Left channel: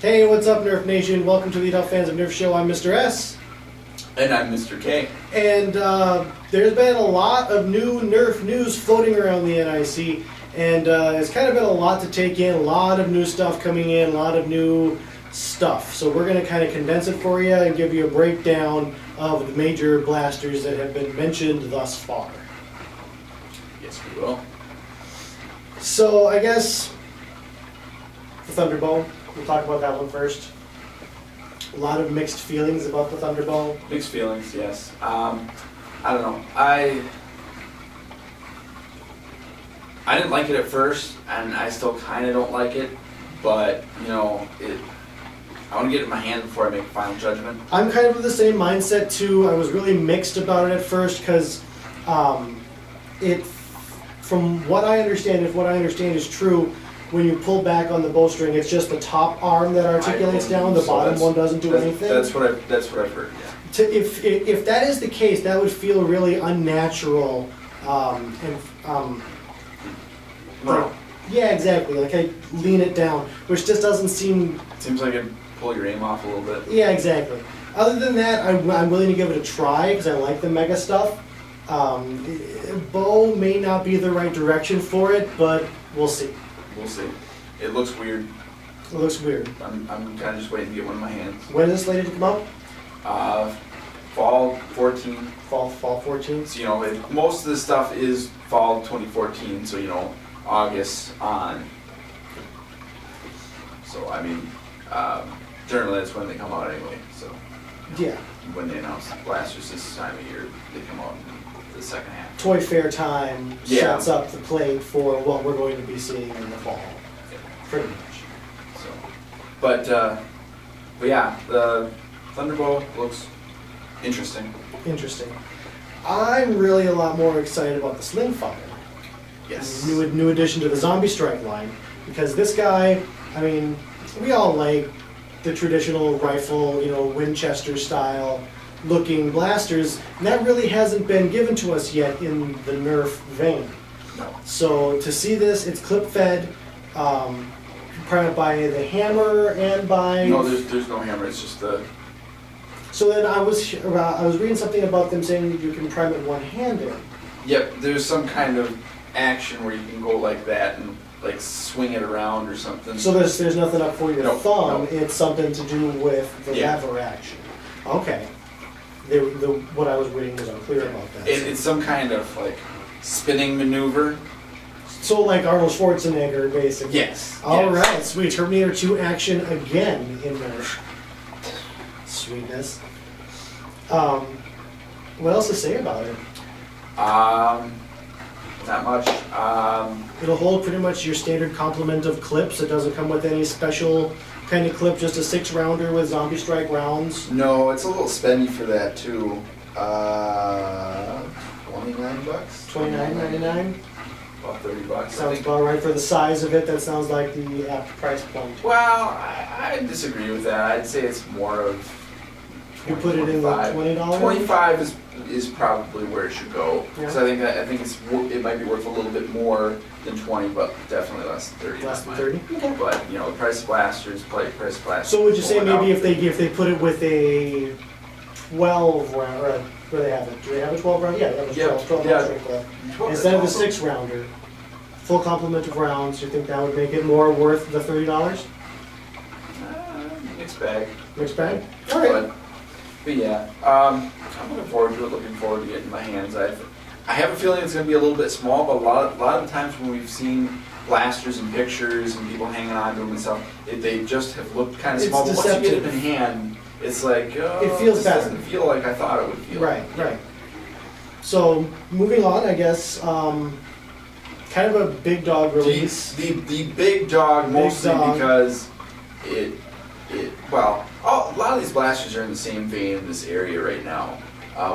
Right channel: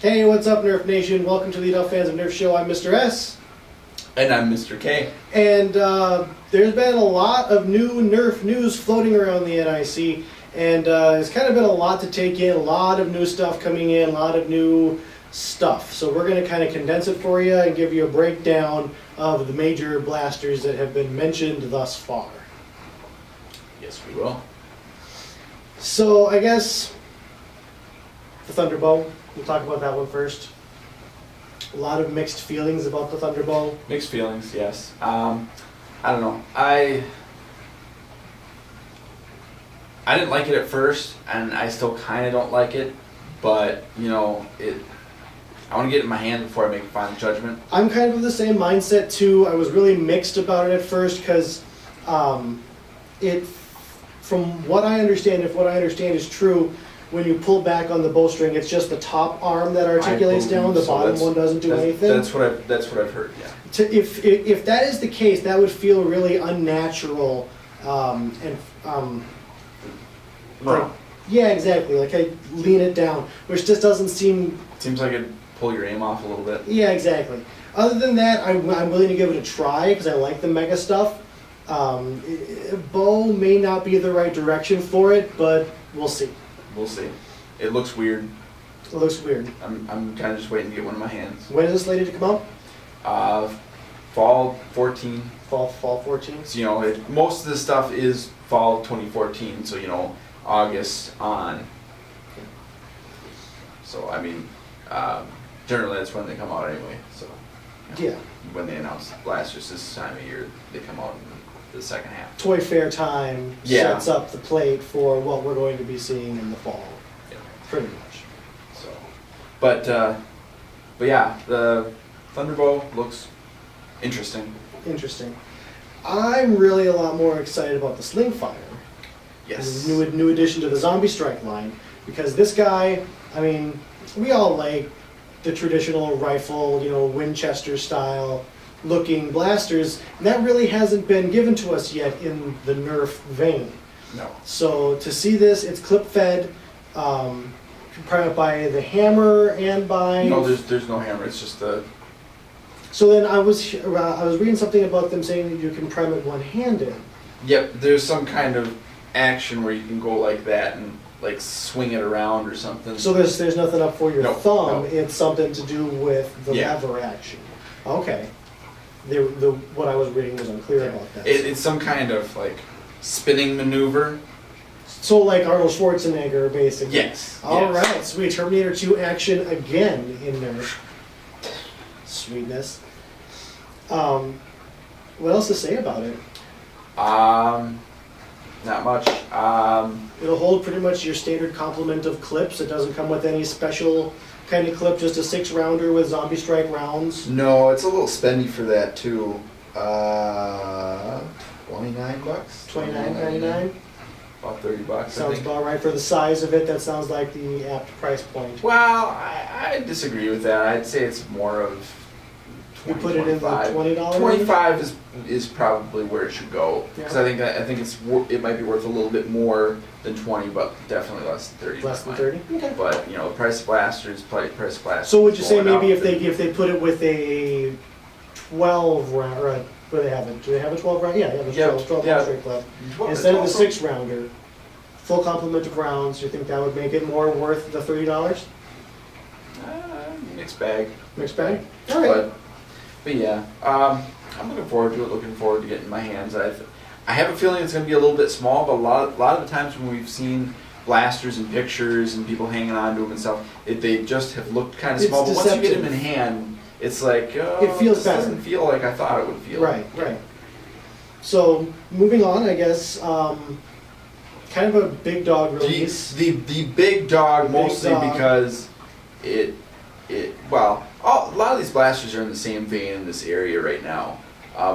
Hey, what's up, Nerf Nation? Welcome to the Adult Fans of Nerf Show. I'm Mr. S. And I'm Mr. K. And there's been a lot of new Nerf news floating around the NIC, and it's kind of been a lot to take in, a lot of new stuff coming in, a lot of new stuff. So we're going to kind of condense it for you and give you a breakdown of the major blasters that have been mentioned thus far. Yes, we will. So I guess the Thunderbow, we'll talk about that one first. A lot of mixed feelings about the Thunderbow. Mixed feelings, yes. I don't know. I didn't like it at first, and I still kind of don't like it. But you know, I want to get it in my hand before I make a final judgment. I'm kind of of the same mindset too. I was really mixed about it at first because from what I understand, if what I understand is true, when you pull back on the bowstring, it's just the top arm that articulates down. The bottom one doesn't do anything. That's what I've heard. Yeah. If that is the case, that would feel really unnatural. Right. Yeah, exactly. Like I lean it down, which just doesn't seem. Seems like it'd pull your aim off a little bit. Yeah, exactly. Other than that, I'm willing to give it a try because I like the mega stuff. Bow may not be the right direction for it, but we'll see. We'll see. It looks weird. It looks weird. I'm kind of just waiting to get one in my hands. When is it slated to come out? Fall 14. Fall 14. So, you know, most of this stuff is fall 2014. So, you know, August on. So I mean, generally that's when they come out anyway. So you know, yeah. When they announce blasters this time of year, they come out in the second half. Toy fair time sets up the plate for what we're going to be seeing in the fall. Yeah. Pretty much. So, but yeah, the Thunderbow looks interesting. Interesting. I'm really a lot more excited about the Sling Fire. Yes. New addition to the Zombie Strike line, because this guy, I mean, we all like the traditional rifle, you know, Winchester style looking blasters, and that really hasn't been given to us yet in the Nerf vein. No. So to see this, it's clip fed, prime it by the hammer and by. No, there's no hammer. It's just the. So then I was reading something about them saying that you can prime it one-handed. Yep, there's some kind of action where you can go like that and like swing it around or something. So there's nothing up for your thumb. No. It's something to do with the lever action. Okay. What I was reading was unclear about that. It's some kind of like spinning maneuver. So like Arnold Schwarzenegger, basically. Yes. All right, sweet. Terminator 2 action again in Nerf. Sweetness. What else to say about it? Not much. It'll hold pretty much your standard complement of clips. It doesn't come with any special kind of clip, just a 6-rounder with Zombie Strike rounds. No, it's a little spendy for that too. $29. $29.99. About $30. Sounds about right for the size of it. That sounds like the apt price point. Well, I disagree with that. I'd say it's more of. You put it in the $20. 25 is probably where it should go because Yeah. I think it might be worth a little bit more than 20, but definitely less than 30. Less than 30. Okay. But you know, the price of blasters, price of blasters. So would you say going maybe up. if they put it with a 12 round, or where they have it? Do they have a 12 round? Yeah, they have a 12 round straight clip. Instead of the 6-rounder, full complement of rounds. You think that would make it more worth the $30? Mixed bag. Mixed bag. All right. But yeah, I'm looking forward to it. Looking forward to getting my hands. I have a feeling it's going to be a little bit small, but a lot of the times when we've seen blasters and pictures and people hanging on to them and stuff, they just have looked kind of small. But once you get them in hand, it's like it feels better. It doesn't feel like I thought it would feel. Right, right. So moving on, I guess. Kind of a big dog release. The big dog, mostly because well, a lot of these blasters are in the same vein in this area right now,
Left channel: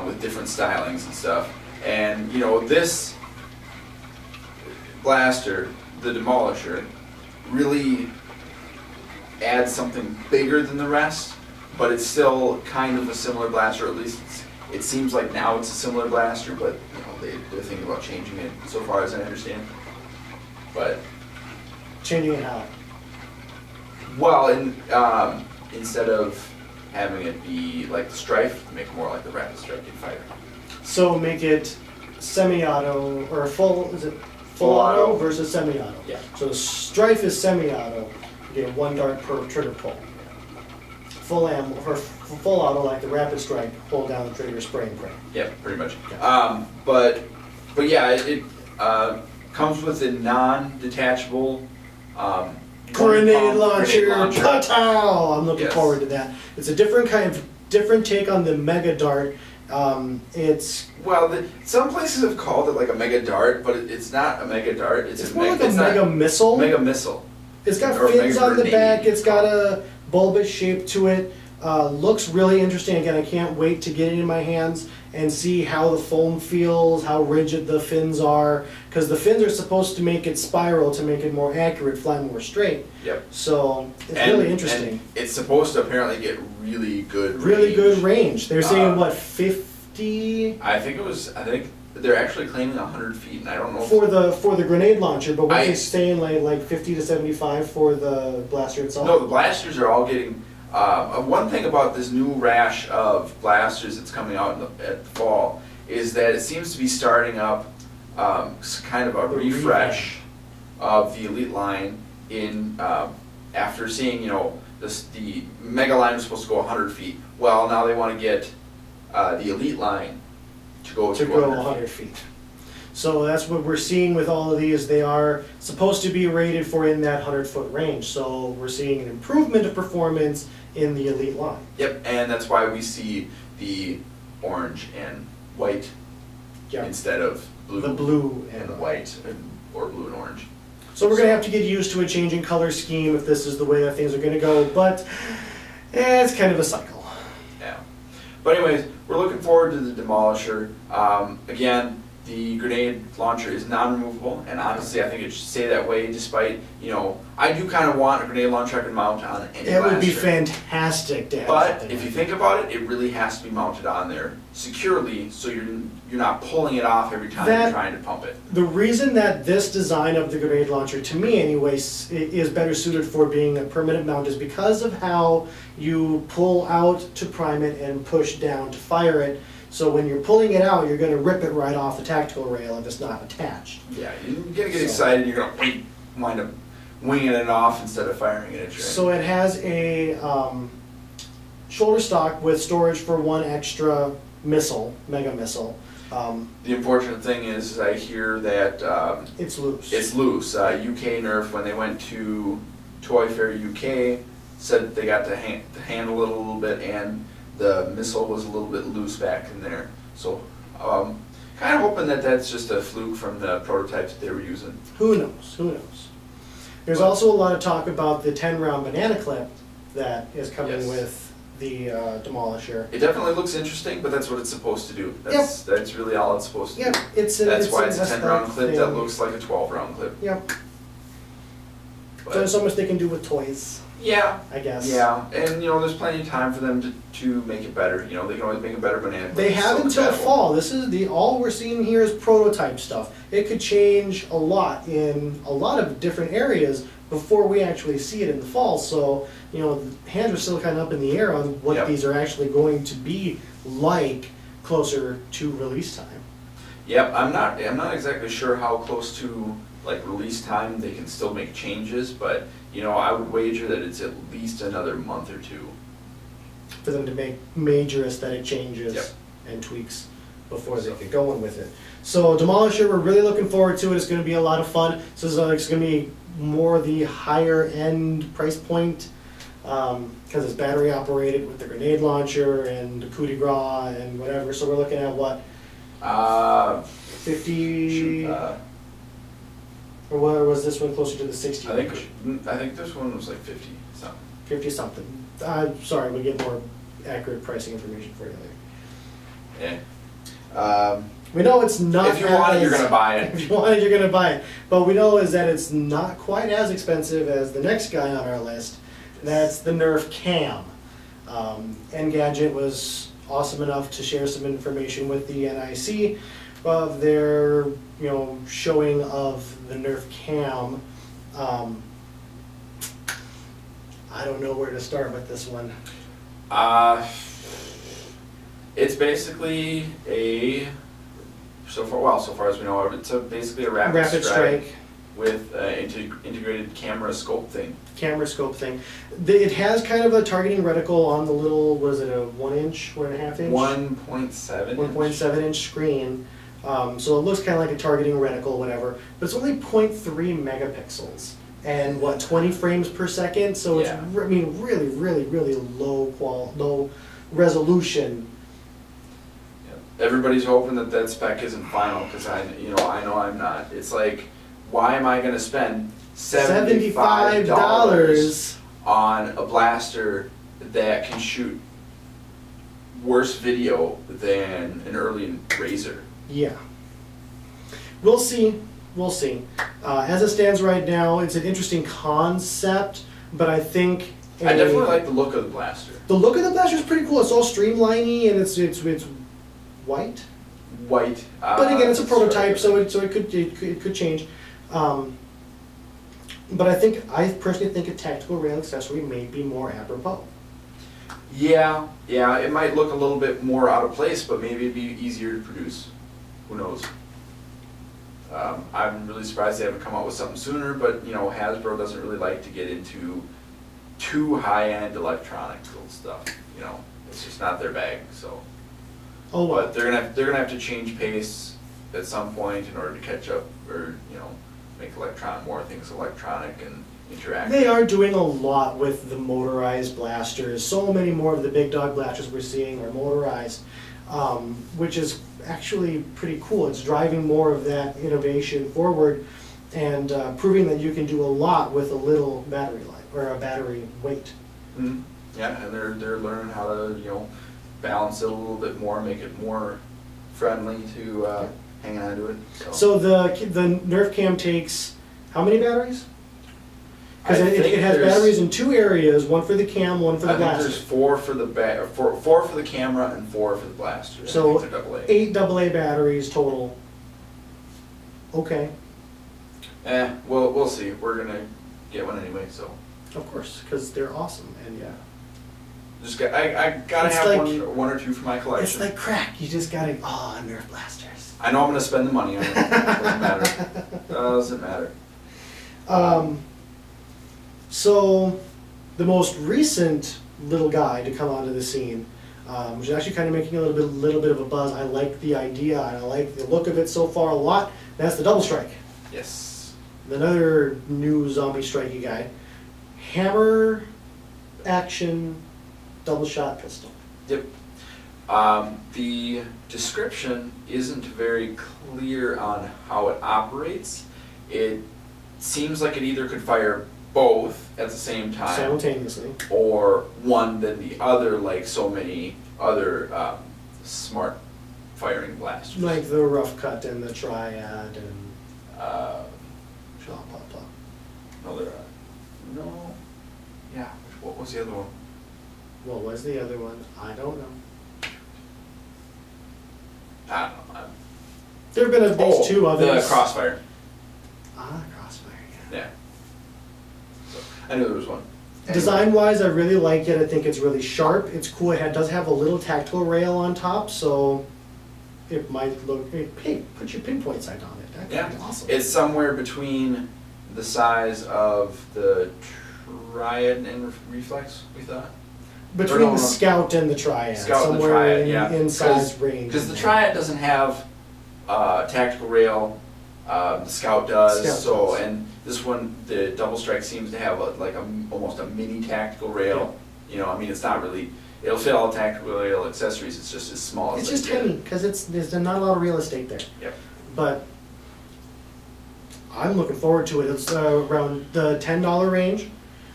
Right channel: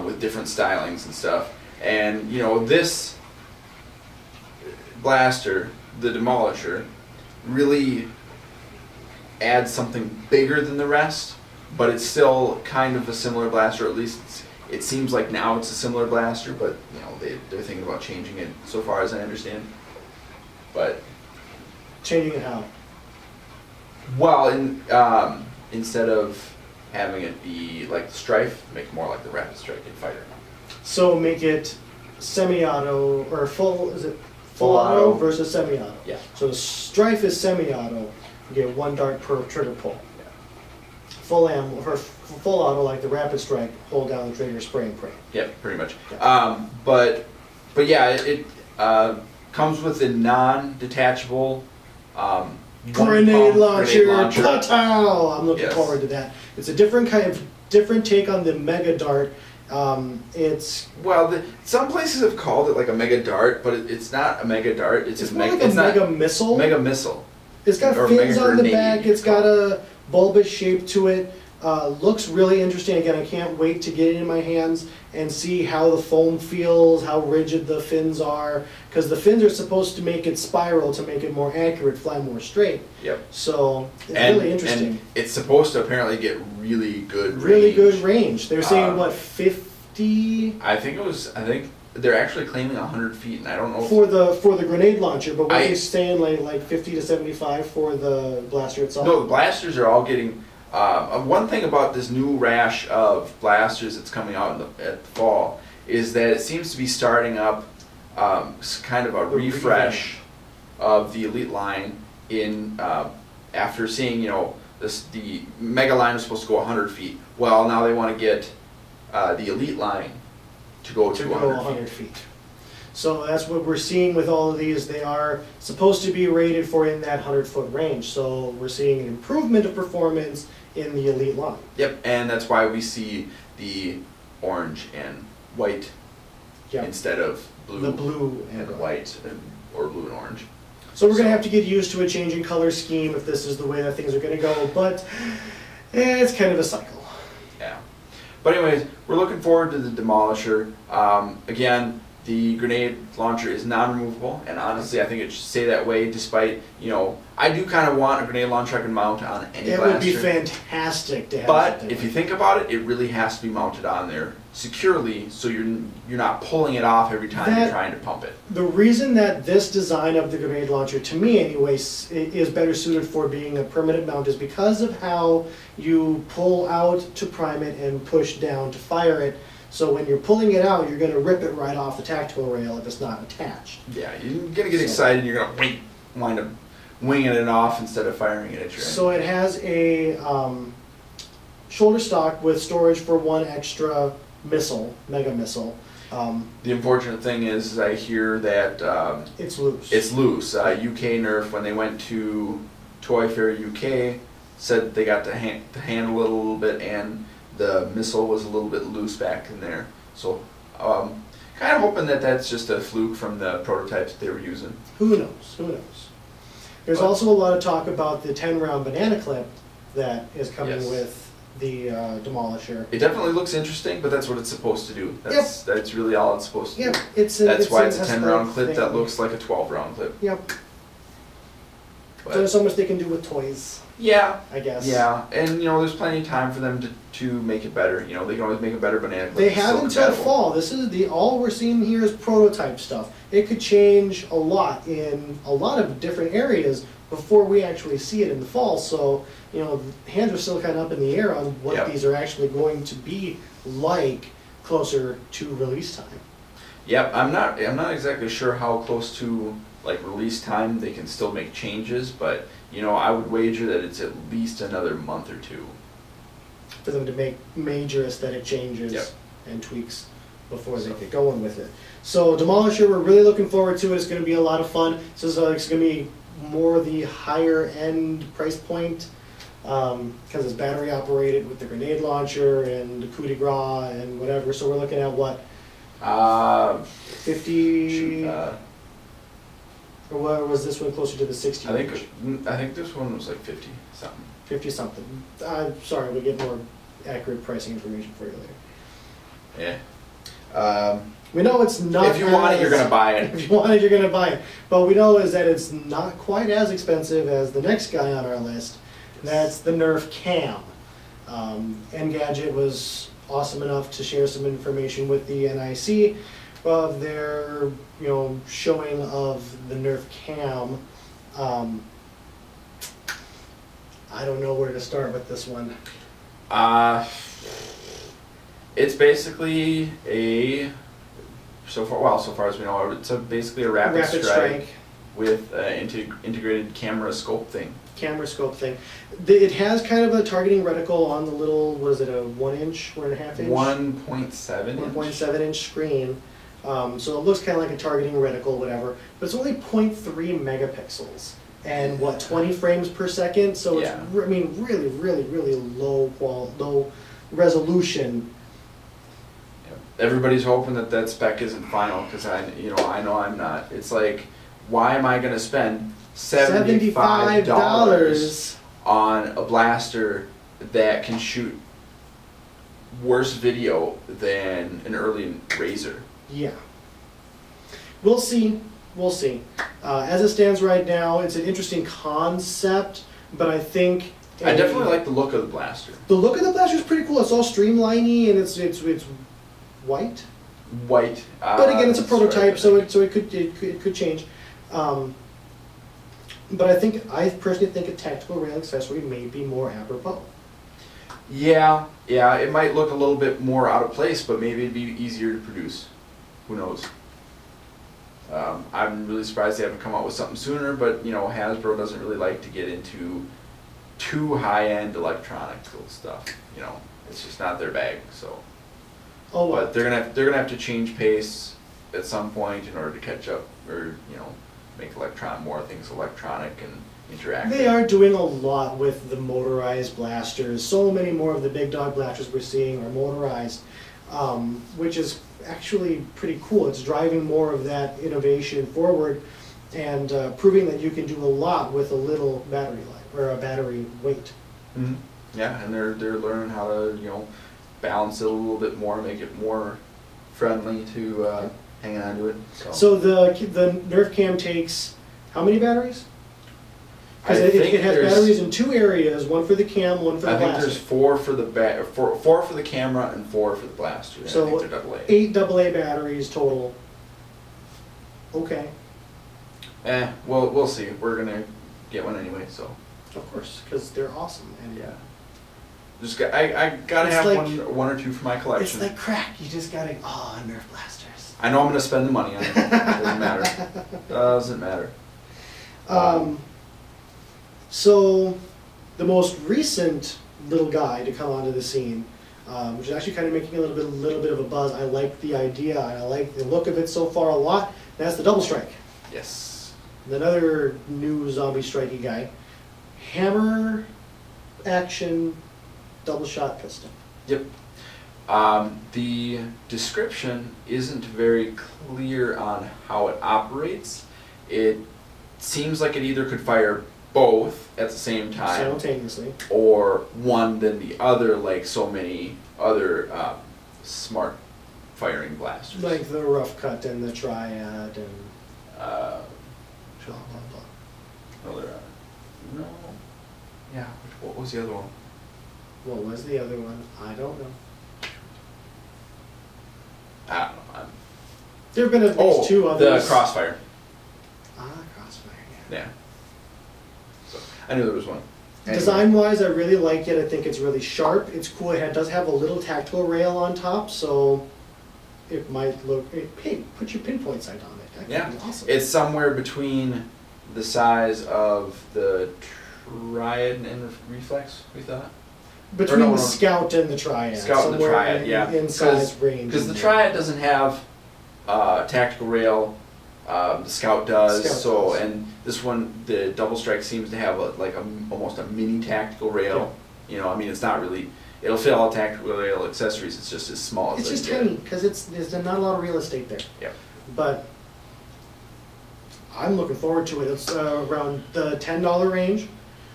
with different stylings and stuff. And you know, this blaster, the Demolisher, really adds something bigger than the rest, but it's still kind of a similar blaster. At least it seems like now it's a similar blaster, but you know, they're thinking about changing it, so far as I understand. But changing it how? Well, instead of having it be like the Strife, make it more like the Rapid Strike and Fighter. So make it semi-auto or full. Is it full Full auto auto versus semi-auto? Yeah. So the Strife is semi-auto. You get 1 dart per trigger pull. Full ammo or full auto like the Rapid Strike. Hold down the trigger, spray and pray. Yep, pretty much. Yeah. But yeah, it comes with a non-detachable Grenade launcher. launcher. Pow! I'm looking Yes. forward to that. It's a different take on the Mega Dart. It's Well, some places have called it like a Mega Dart, but it's not a Mega Dart. It's more like a Mega Missile. Mega Missile. It's got Or fins Mega on the Grenade. back. It's got a bulbous shape to it. Looks really interesting. Again, I can't wait to get it in my hands and see how the foam feels, how rigid the fins are, because the fins are supposed to make it spiral to make it more accurate, fly more straight. Yep. So it's really interesting. And it's supposed to apparently get really good Really range. good range. They're saying what, 50 I think they're actually claiming 100 feet, and I don't know if for the grenade launcher, but what they're saying like 50 to 75 for the blaster itself. No, the blasters are all getting. One thing about this new rash of blasters that's coming out at the fall is that it seems to be starting up kind of a refresh of the Elite line in after seeing, you know, the Mega line was supposed to go 100 feet. Well, now they want to get the Elite line to go 100 feet. So that's what we're seeing with all of these. They are supposed to be rated for in that 100-foot range. So we're seeing an improvement of performance in the Elite line. Yep, and that's why we see the orange and white instead of blue. The blue and white, or blue and orange. So we're going to have to get used to a changing color scheme if this is the way that things are going to go, but it's kind of a cycle. Yeah. But anyways, we're looking forward to the Demolisher. Again, the grenade launcher is non-removable, and honestly, I think it should stay that way. Despite, you know, I do kind of want a grenade launcher I can mount on any blaster. It would be fantastic to have. But if you think about it, it really has to be mounted on there securely, so you're not pulling it off every time you're trying to pump it. The reason that this design of the grenade launcher, to me anyways, is better suited for being a permanent mount is because of how you pull out to prime it and push down to fire it. So when you're pulling it out, you're going to rip it right off the tactical rail if it's not attached. Yeah, you're going to get excited, you're going to wind up winging it off instead of firing it at your So it has a shoulder stock with storage for 1 extra missile, Mega Missile. The unfortunate thing is I hear that it's loose. It's loose. UK Nerf, when they went to Toy Fair UK, said that they got to handle it a little bit, and the missile was a little bit loose back in there. So kind of hoping that that's just a fluke from the prototypes that they were using. Who knows? Who knows? There's also a lot of talk about the 10-round banana clip that is coming with the Demolisher. It definitely looks interesting, but that's what it's supposed to do. That's really all it's supposed to do. That's why it's a 10-round clip that looks like a 12-round clip. Yep. But so there's so much they can do with toys. Yeah. I guess. Yeah, and you know, there's plenty of time for them to make it better. You know, they can always make a better banana clip. They have until fall. This is all we're seeing here is prototype stuff. It could change a lot in a lot of different areas before we actually see it in the fall. So, you know, hands are still kind of up in the air on what these are actually going to be like closer to release time. Yep, I'm not exactly sure how close to like release time they can still make changes, but you know, I would wager that it's at least another month or two for them to make major aesthetic changes and tweaks before they get going with it. So Demolisher, we're really looking forward to it. It's going to be a lot of fun. So it's going to be more the higher end price point because it's battery operated with the grenade launcher and the coup de grace and whatever. So we're looking at what? 50. Or what was this one closer to the 60? I think this one was like 50 something. 50 something. Sorry, we get more accurate pricing information for you later. Yeah. We know it's not. If you want it, you're gonna buy it. If you want it, you're gonna buy it. But we know is that it's not quite as expensive as the next guy on our list. And that's the Nerf Cam. Engadget was awesome enough to share some information with the NIC of their, showing of the Nerf Cam. I don't know where to start with this one. It's basically a so far as we know, it's basically a rapid strike with integrated camera scope thing. Camera scope thing. It has kind of a targeting reticle on the little, what is it, a 1 inch, 1.5 inch? 1.7 1.7 inch screen. So it looks kind of like a targeting reticle, whatever. But it's only 0.3 megapixels. And what, 20 frames per second? So it's, I mean, really, really, really low resolution. Everybody's hoping that spec isn't final, because I know I'm not. It's like, why am I going to spend $75 on a blaster that can shoot worse video than an early Razor? Yeah. We'll see. We'll see. As it stands right now, it's an interesting concept, but I think I definitely like the look of the blaster. The look of the blaster is pretty cool. It's all streamliney and it's white. White. But again, it's a prototype, so it could change. But I personally think a tactical rail accessory may be more apropos. Yeah, it might look a little bit more out of place, but maybe it'd be easier to produce. Who knows? I'm really surprised they haven't come out with something sooner, but Hasbro doesn't really like to get into too high-end electronical stuff. It's just not their bag. So, but they're gonna have to change pace at some point in order to catch up, or make more things electronic and interactive. They are doing a lot with the motorized blasters. So many more of the big dog blasters we're seeing are motorized, which is actually pretty cool. It's driving more of that innovation forward and proving that you can do a lot with a little battery life or a battery weight. Mm-hmm. Yeah, and they're learning how to balance it a little bit more, make it more friendly to hanging on to it. So the Nerf Cam takes how many batteries? Because it has batteries in 2 areas, one for the cam, one for the blaster. I think there's 4 for the four for the camera and 4 for the blaster. So I think they're AA. 8 AA batteries total. Okay. We'll see. We're gonna get one anyway, so. Of course, because they're awesome, and I gotta have like, one or two for my collection. It's like crack. You just gotta Nerf blasters. I know I'm gonna spend the money on it. Doesn't matter. Doesn't matter. So, the most recent little guy to come onto the scene, which is actually kind of making a little bit of a buzz. I like the idea. I like the look of it so far a lot. That's the Double Strike. Yes. Another new zombie strikey guy. Hammer action double shot pistol. Yep. The description isn't very clear on how it operates. It seems like it either could fire both at the same time, simultaneously, or one then the other, like so many other smart firing blasters, like the Rough Cut and the Triad and blah blah blah. No, no. Yeah. What was the other one? What was the other one? I don't know. I don't know. There have been at least 2 others. The Crossfire. Crossfire. Yeah. So, I knew there was one. Anyway. Design-wise, I really like it. I think it's really sharp. It's cool. It does have a little tactical rail on top, so it might look. Put your pinpoint sight on it. That could be awesome. It's somewhere between the size of the Triad and the Reflex, we thought. Between the Scout and the Triad. Scout and the Triad, yeah. In size range. Because the Triad doesn't have tactical rail. The Scout does. And this one, the Double Strike, seems to have almost a mini tactical rail. Yeah. I mean, it's not really. It'll fit all the tactical rail accessories. It's just as small as it's just tiny because there's not a lot of real estate there. Yep. But I'm looking forward to it. It's around the $10 range.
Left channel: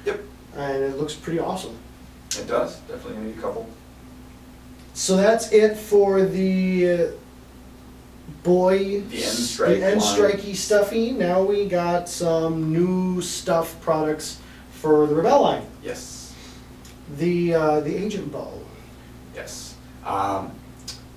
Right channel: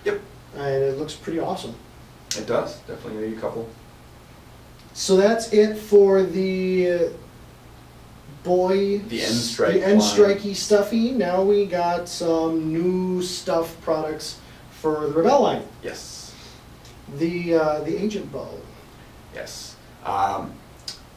Yep. And it looks pretty awesome. It does. Definitely need a couple. So that's it for the the end strikey stuffy. Now we got some new stuff products for the Rebelle line. Yes. The Agent Bow. Yes.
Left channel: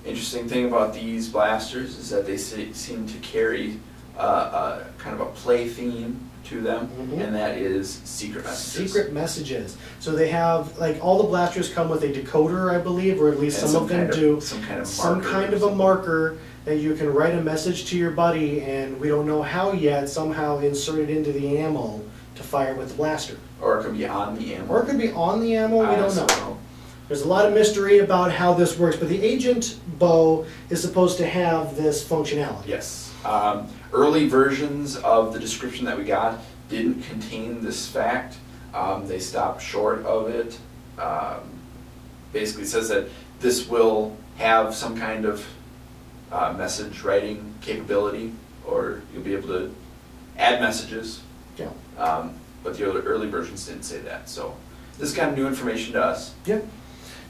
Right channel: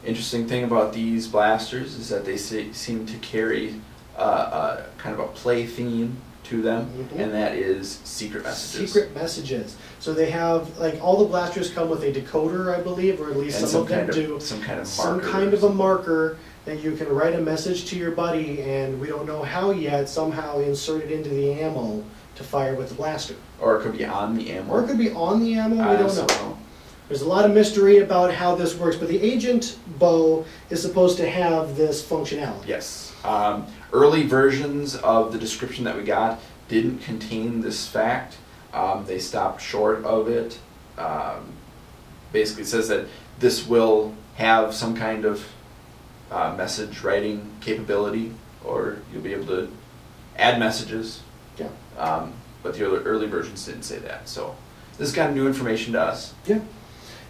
Interesting thing about these blasters is that they seem to carry kind of a play theme to them, and that is secret messages. Secret messages. So they have, like, all the blasters come with a decoder, I believe, or at least And some of them do. Some kind of Some marker. kind of a marker that you can write a message to your buddy, and we don't know how yet, somehow insert it into the ammo to fire with the blaster. Or it could be on the ammo. Or it could be on the ammo, we I don't also know. There's a lot of mystery about how this works, but the agent bow is supposed to have this functionality. Yes. Early versions of the description that we got didn't contain this fact. They stopped short of it. Basically, it says that this will have some kind of message writing capability, or you'll be able to add messages. Yeah. But the early versions didn't say that. So this is kind of new information to us. Yeah.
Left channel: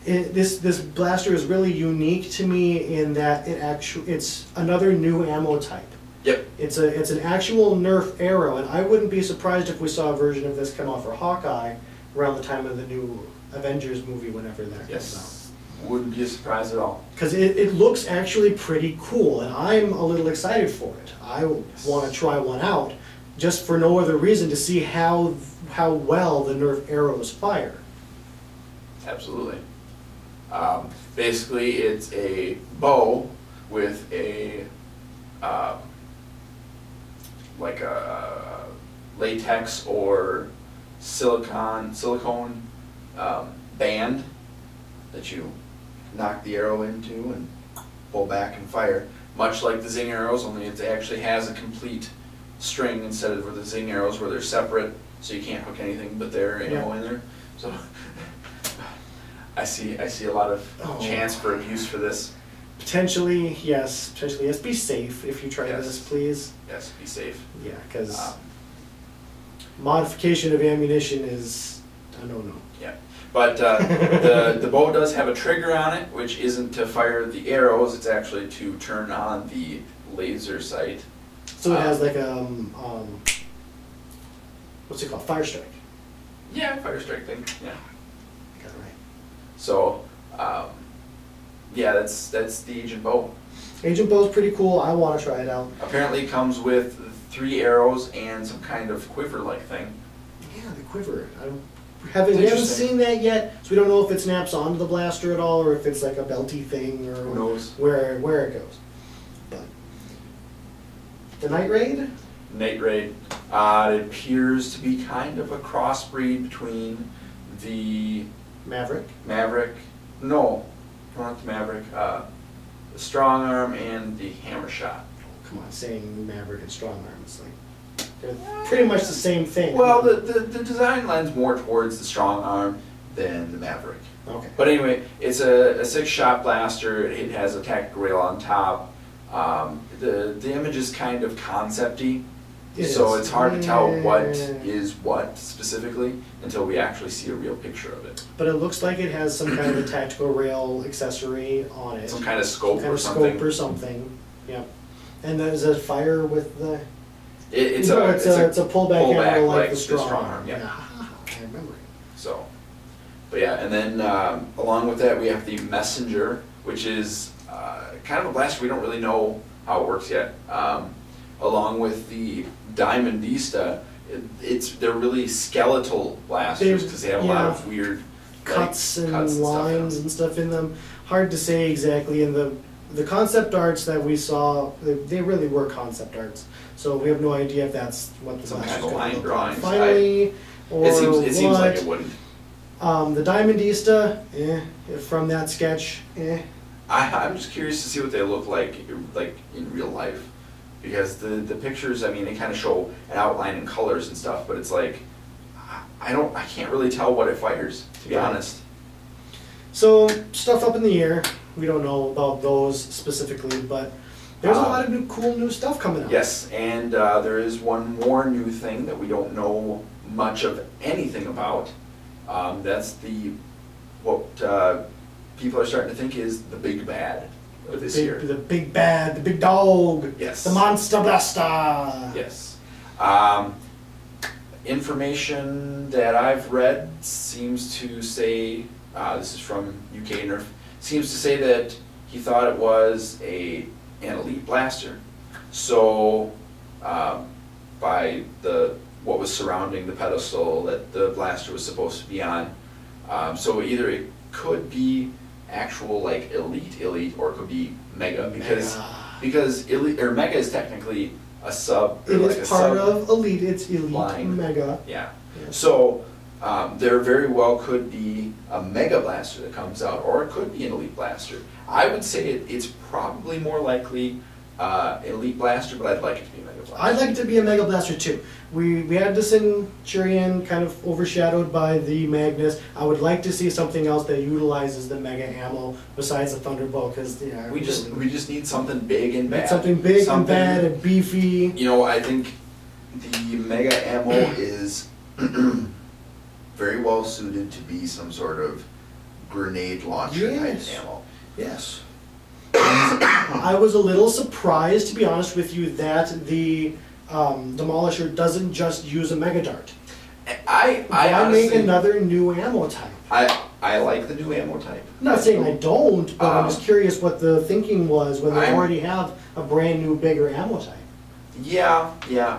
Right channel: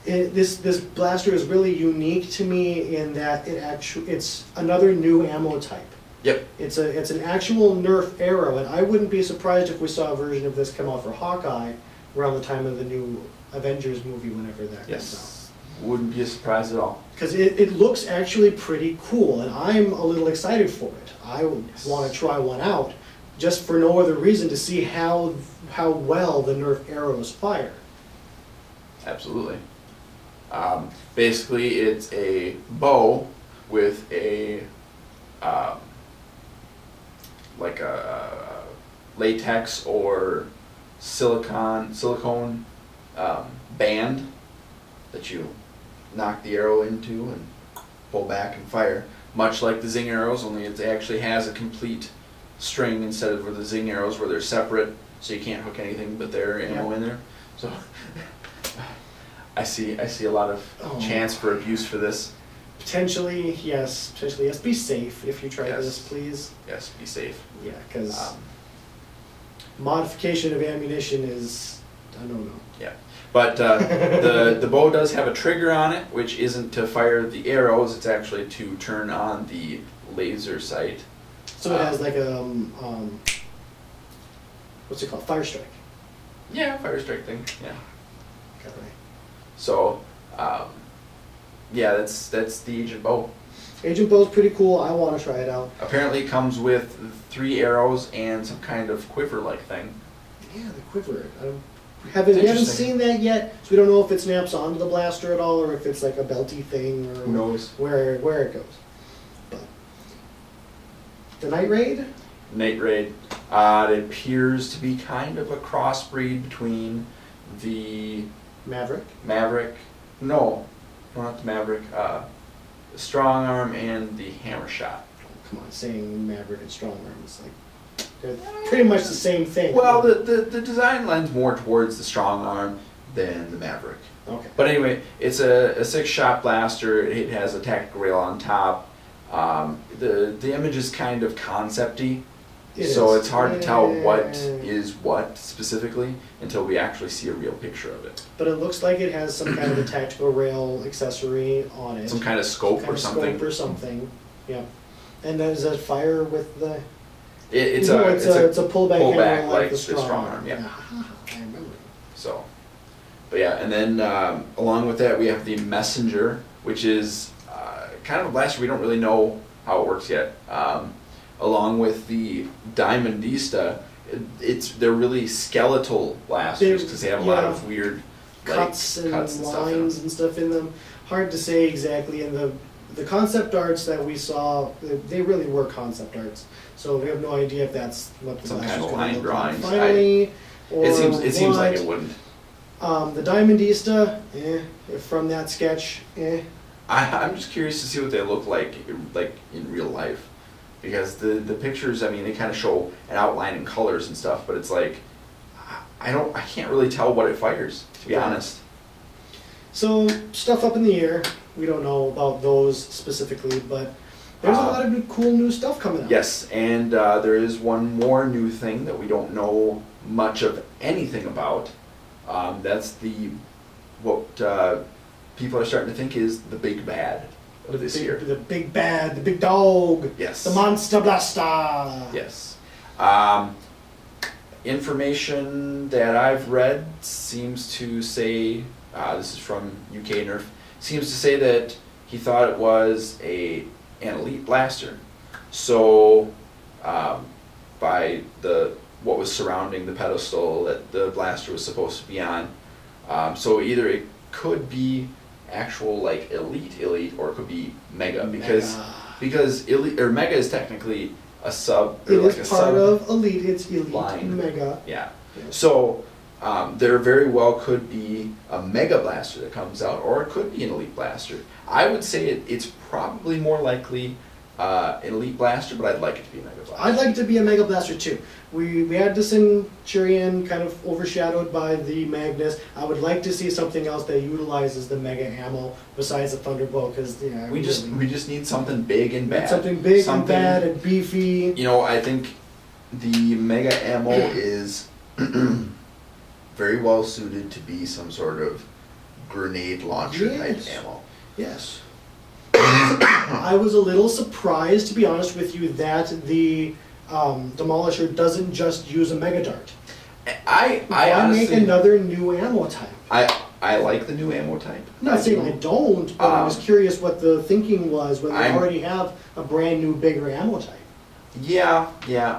This blaster is really unique to me in that it's another new ammo type. Yep. It's an actual Nerf arrow, and I wouldn't be surprised if we saw a version of this come out for Hawkeye around the time of the new Avengers movie, whenever that comes out. Wouldn't be a surprise at all. Because it looks actually pretty cool, and I'm a little excited for it. I want to try one out, just for no other reason, to see how well the Nerf arrows fire. Absolutely. Basically, it's a bow with a like a latex or silicone band that you knock the arrow into and pull back and fire. Much like the Zing arrows, only it actually has a complete string instead of the Zing arrows where they're separate, so you can't hook anything but their ammo in there. So I see a lot of chance for abuse for this. Potentially, yes. Potentially, yes. Be safe if you try this, please. Yes, be safe. Yeah, because modification of ammunition is, I don't know. Yeah, but the bow does have a trigger on it, which isn't to fire the arrows. It's actually to turn on the laser sight. So it has like a what's it called? Fire strike. Yeah, fire strike thing. Yeah. Got it right. So, yeah, that's the Agent Bow. Agent Bow's pretty cool. I want to try it out. Apparently, it comes with 3 arrows and some kind of quiver-like thing. Yeah, the quiver. We haven't seen that yet, so we don't know if it snaps onto the blaster at all, or if it's like a belty thing, or who knows where it goes. But the Night Raid. Night Raid. It appears to be kind of a crossbreed between the Maverick. No, not the Maverick. The Strong Arm and the Hammer Shot. Come on, saying Maverick and Strong Arm is like they're pretty much the same thing. Well, the design lends more towards the Strong Arm than the Maverick. Okay. But anyway, it's a 6-shot blaster. It has a tactical rail on top. The image is kind of concept-y. So it's hard to tell what is what specifically until we actually see a real picture of it. But it looks like it has some kind of a tactical rail accessory on it. Some kind of scope or something. Yeah. And then does that fire with the? It's a pullback hammer like the the Strong Arm. Yeah. I remember. So, but yeah, and then along with that we have the Messenger, which is kind of a blaster we don't really know how it works yet. Along with the Diamondista, they're really skeletal blasters because they have a lot of weird cuts and lines and stuff in them. Hard to say exactly. And the concept arts that we saw, they really were concept arts. So we have no idea if that's what the blaster's going to look like finally, or it seems like it wouldn't. The Diamondista, from that sketch, I'm just curious to see what they look like in real life. Because the pictures, I mean, they kind of show an outline and colors and stuff, but it's like, I can't really tell what it fires, to be honest. So, stuff up in the air. We don't know about those specifically, but there's a lot of cool new stuff coming out. Yes, and there is one more new thing that we don't know much of anything about. That's what people are starting to think is the big bad of this year. The big bad, the big dog. Yes. The monster blaster. Yes. Information that I've read seems to say, this is from UK Nerf, seems to say that he thought it was an elite blaster. So by the what was surrounding the pedestal that the blaster was supposed to be on. So either it could be actual like elite, or it could be mega, because elite or mega is technically a sub. It like is a part sub of elite. It's elite line. mega. Yeah. Yeah. So there very well could be a mega blaster that comes out, or it could be an elite blaster. I would say it's probably more likely elite blaster, but I'd like it to be a mega blaster. I'd like it to be a mega blaster too. We had the Centurion kind of overshadowed by the Magnus. I would like to see something else that utilizes the mega ammo besides the Thunderbow, because we just need something big and bad. Something big and bad and beefy. You know, I think the mega ammo is very well suited to be some sort of grenade launcher type ammo. Yes. I was a little surprised, to be honest with you, that the Demolisher doesn't just use a mega dart. I honestly make another new ammo type. I like the new ammo type. I'm not saying I don't, but I was curious what the thinking was when they already have a brand new, bigger ammo type. Yeah.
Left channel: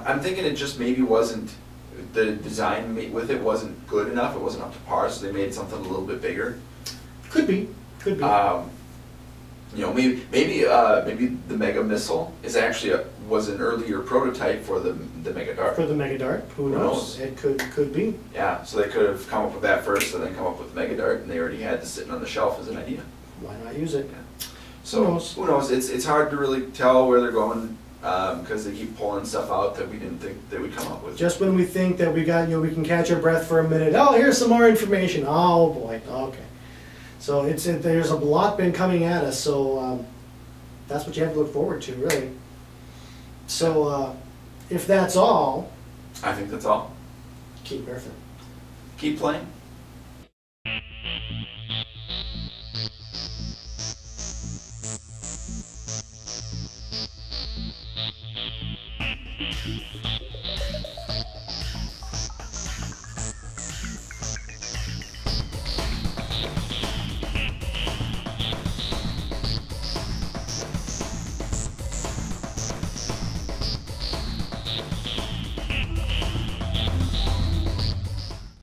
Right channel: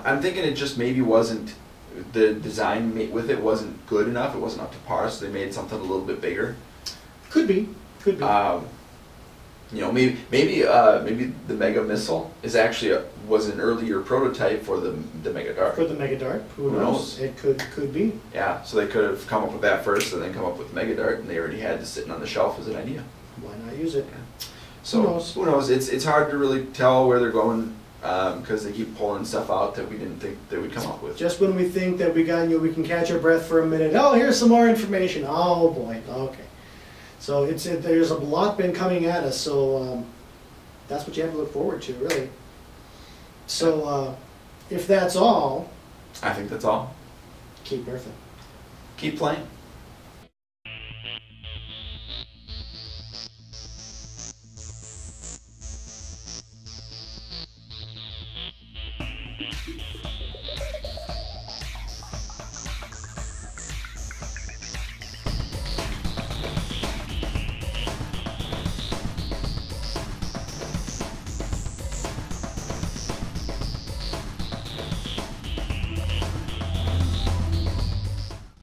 I'm thinking it just maybe wasn't, the design with it wasn't good enough. It wasn't up to par, so they made something a little bit bigger. Could be. You know, maybe the Mega Missile is actually was an earlier prototype for the Mega Dart. For the Mega Dart, who knows? It could be. Yeah, so they could have come up with that first, and then come up with the Mega Dart, and they already had this sitting on the shelf as an idea. Why not use it? So who knows? It's hard to really tell where they're going because they keep pulling stuff out that we didn't think they would come up with. Just when we think that we can catch our breath for a minute. Oh, here's some more information. Oh boy. Okay. So there's a lot been coming at us, so that's what you have to look forward to, really. So if that's all... I think that's all. Keep nerfing. Keep playing.